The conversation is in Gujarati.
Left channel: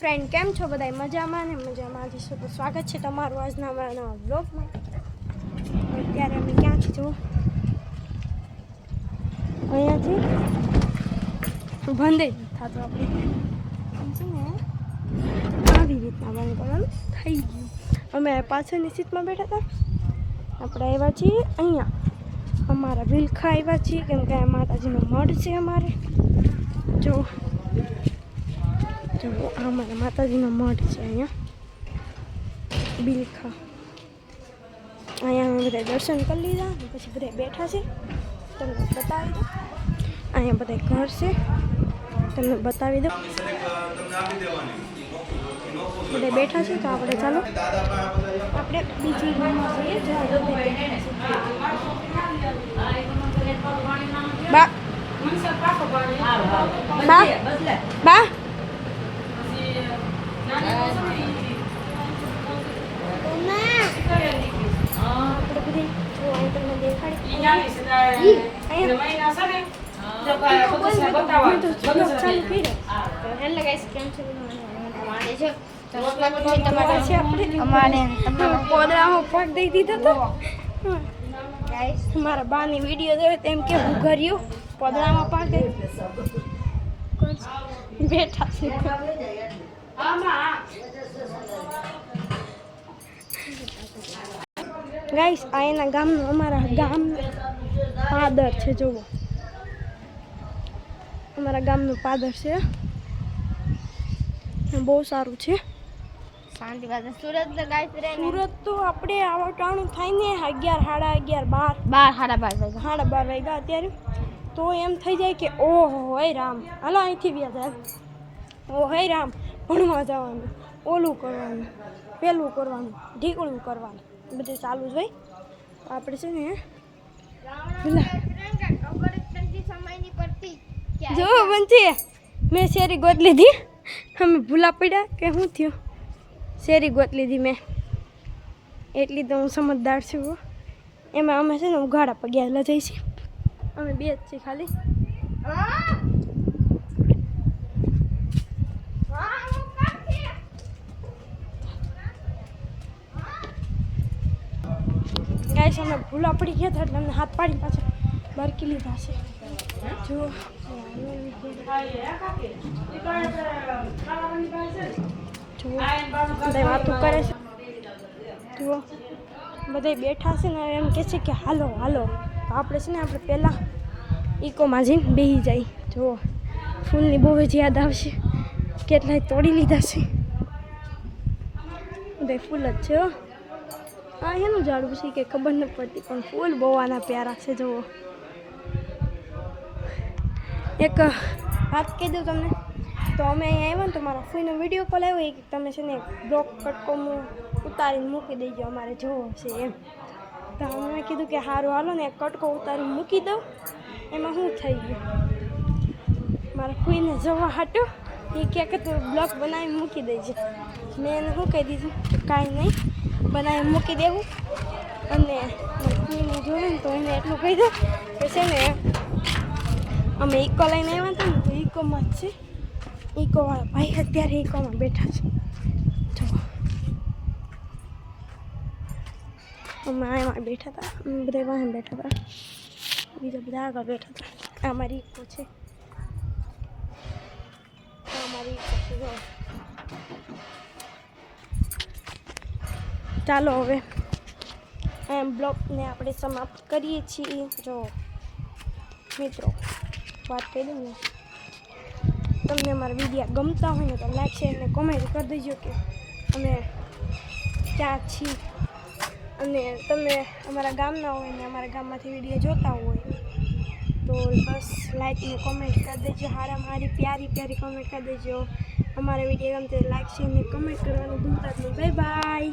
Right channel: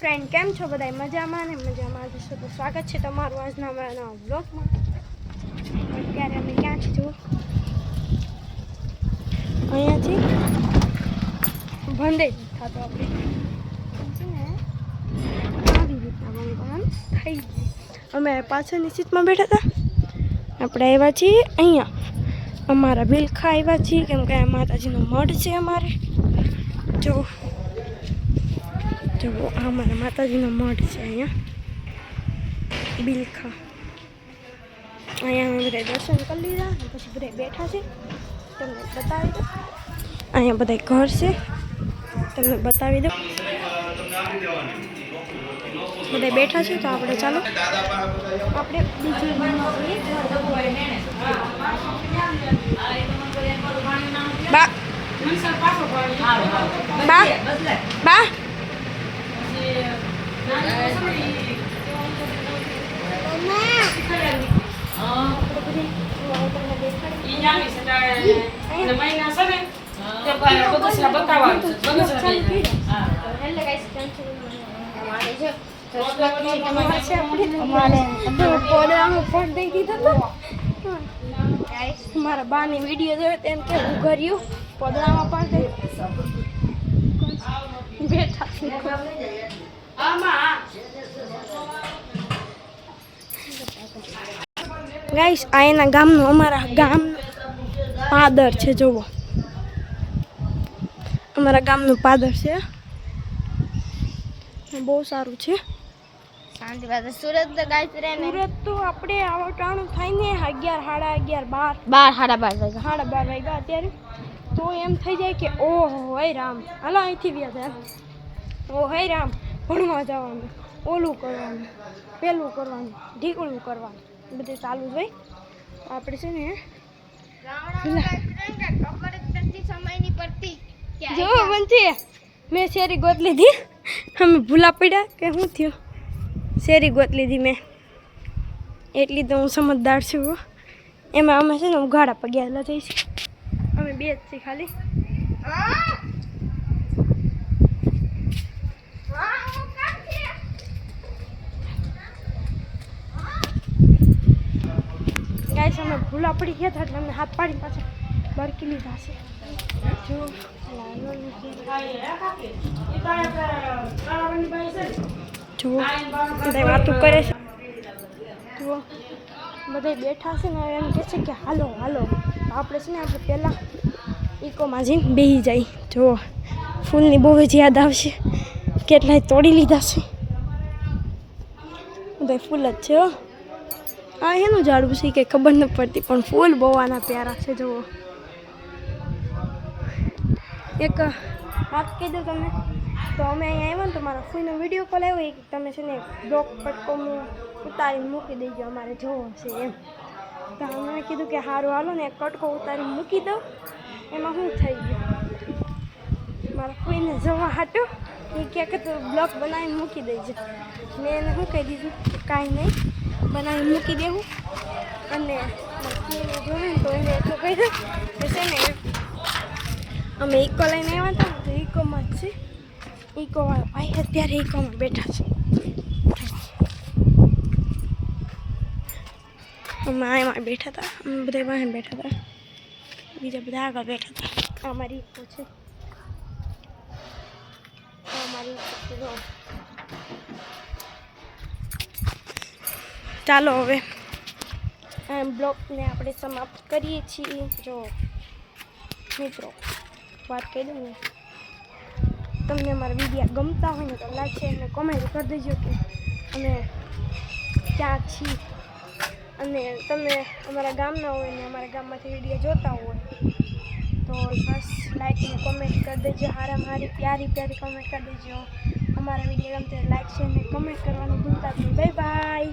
ફ્રેન્ડ કેમ છો બધા મજામાં ને મજામાં જશો તો સ્વાગત છે તમારું આજના અમારા નવા વ્લોગમાં। અત્યારે અમે ક્યાં છે જો અહીંયાથી બંધ થતો આપણે છે ને આવી રીતના બંધ કરવાનું થઈ ગયું। અમે પાછળની સીટમાં બેઠા હતા આપણે આવ્યા છીએ અહીંયા અમારા બિલખા આવ્યા છીએ કેમ કે માતાજીનો મઢ છે અમારે જો જો આ મારા માતાજીનો મઢ છે અહીંયા બિલખા। અહીંયા અમે બધા દર્શન કરી લીધા અને પછી બધા બેઠા છે તમને બતાવી દો। અહીંયા બધા ઘર છે તમને બતાવી દો બધા બેઠા છે તો આપણે ચાલો આપણે બીજી રૂમમાં જઈએ। બા બા બા પોદરામાં પગ દઈ દીધો તો મારા બાની વિડીયો જોયો તેમ કે હું ઘર્યું પોદરામાં પગ દઈ બેઠા છે। ગાઈસ આ એના ગામનું અમારા ગામ પાદર છે જોવો અમારા ગામનું પાદર છે બહુ સારું છે। સુરત તો આપણે આવટાણું થાય ને 11 સાડા 11 12 વાગ્યા અત્યારે તો એમ થઈ જાય કે ઓહો હે રામ હાલો અહીંથી વ્યા ઓ હે રામ ભણવા જવાનું ઓલું કરવાનું પેલું કરવાનું ઢીકળું કરવાનું બધું ચાલુ જ હોય આપણે છે ને જો બનતી મેં શેરી ગોત લીધી અમે ભૂલા પડ્યા કે શું થયું શેરી ગોત લીધી મેં એટલી તો હું સમજદાર છું એમાં અમે છે ને ઉઘાડા પગ્યા જઈશું અમે બે જ છીએ ખાલી। ગાઈસ અમે ભૂલા પડી ગયા હતા એટલે અમને હાથ પાડીને પાછા બરકી લીધા છે જો બધા વાતો કરે છે જુઓ બધા બેઠા છે ને એમ કહે છે કે હાલો હાલો તો આપણે છે ને આપણે પહેલાં ઇકોમાં જઈને બેસી જાય જુઓ ફૂલની બહુ જ યાદ આવશે કેટલાય તોડી લીધા છે બધા ફૂલ જ છે હો આ એનું ઝાડવું છે કે ખબર નથી પડતી પણ ફૂલ બહુ આના પ્યારા છે જુઓ। એક વાત કહી દઉં તમને તો અમે અહીંયા આવ્યા ને તો મારા ફૂઈનો વિડીયો કોલ આવ્યો કે તમે છે ને બ્લોક કટકો ઉતારીને મૂકી દેજો અમારે જોવો છે એમ તો અમે કીધું કે સારું હાલો ને કટકો ઉતારીને મૂકી દઉં એમાં શું થઈ ગયું મારા ફૂઈને જોવા હાટું એ ક્યાંક તો બ્લોક બનાવીને મૂકી દેજો મેં એને શું કહી દીધું કાંઈ નહીં બનાવીને મૂકી દેવું અને ફૂઈને જોયું ને તો એને એટલું કહી દઉં તો છે ને અમે ઇકો લઈને આવ્યા હતા ને તો ઇકોમાં જ છે ઇકોવાળા ભાઈ અત્યારે ઇકોમાં બેઠા છે અમે આમાં બેઠા હતા અમે બધા વાહન બેઠા હતા બીજા બધા આગળ બેઠા હતા આ મારી ઇકો છે આ મારી ઇકો છે જો ચાલો હવે આ બ્લોગને આપણે સમાપ્ત કરીએ છીએ। જો મિત્રો વાત કહી દઉં ને તમને અમારા વિડીયો ગમતા હોય ને તો લાઈક શેર અને કોમેન્ટ કરી દેજો કે અમે ક્યાં છીએ અને તમે અમારા ગામના હોય ને અમારા ગામમાંથી વિડીયો જોતા હોય તો બસ લાઈક અને કોમેન્ટ કરી દેજો હારી પ્યારી કોમેન્ટ કરી દેજો। અમારા વિડીયો ગમતે લાઈક શેર અને કમેન્ટ કરવાનું ભૂલતા જ નહીં। Bye bye.